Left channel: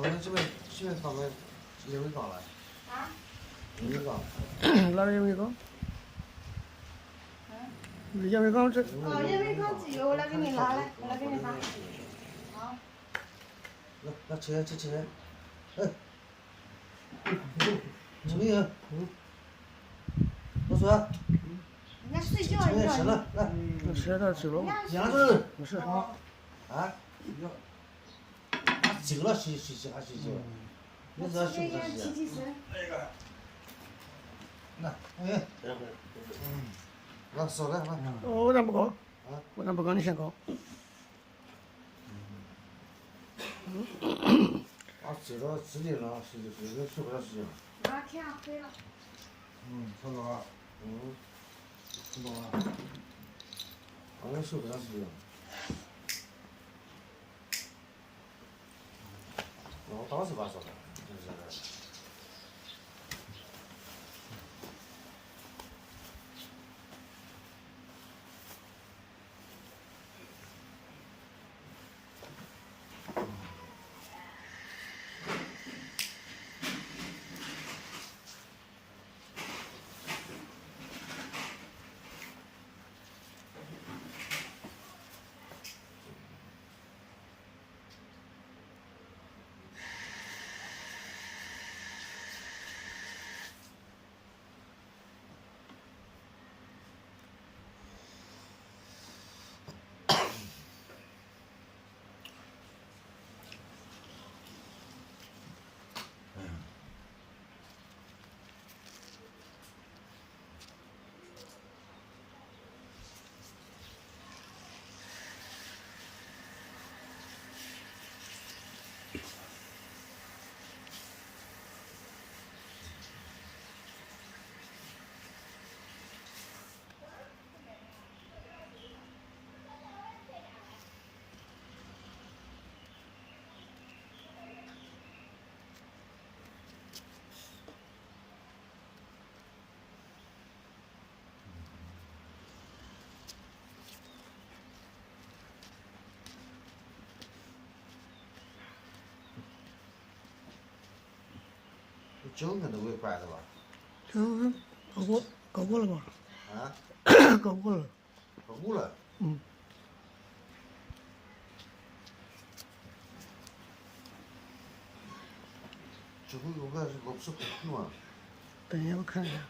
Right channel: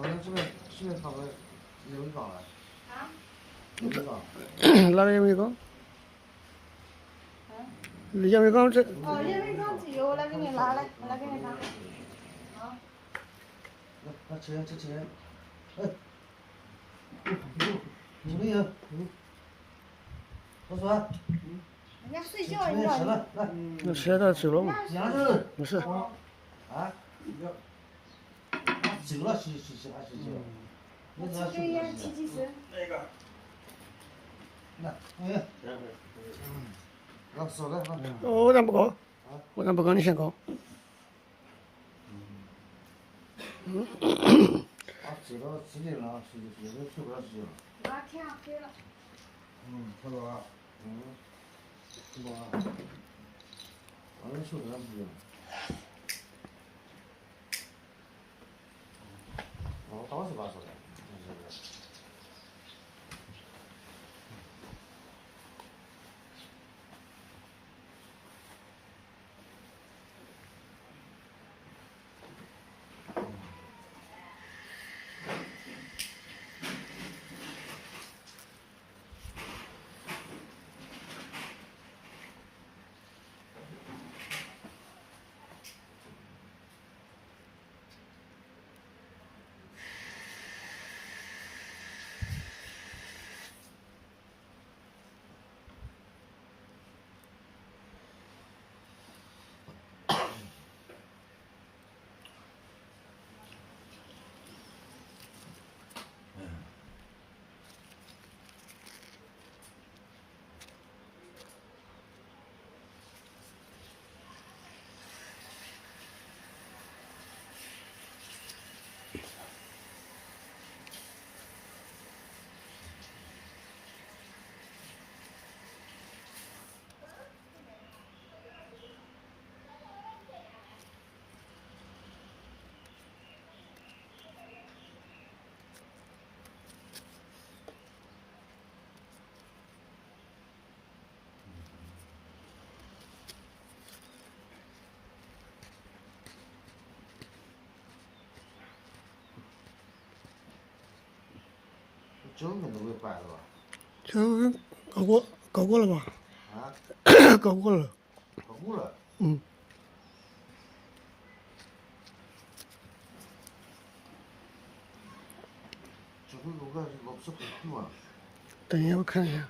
那我这边搞个也会搞了，啊？也会搞。哪里也没搞？也没搞这。哦，也没搞这个，我来给你拿来，我来给你拿。好。那吃这吃，哎，怎么样？老孙，人家睡吃觉点吃呢。了，来，我现在走了，杨子，不是，啊，走了洗还洗脚，你这这个也洗不洗？提神。那，哎，那手来，来。我咱不搞，我咱不搞，你先搞。啊，知道自己了，睡不着觉了。把天黑了。好了啊，是吧？俺们睡不着觉。我倒是把手的，酒可能会摆的吧？这搞过了吧？啊？搞过了。搞过了。这回我不是很酷啊。等一下，我看一下。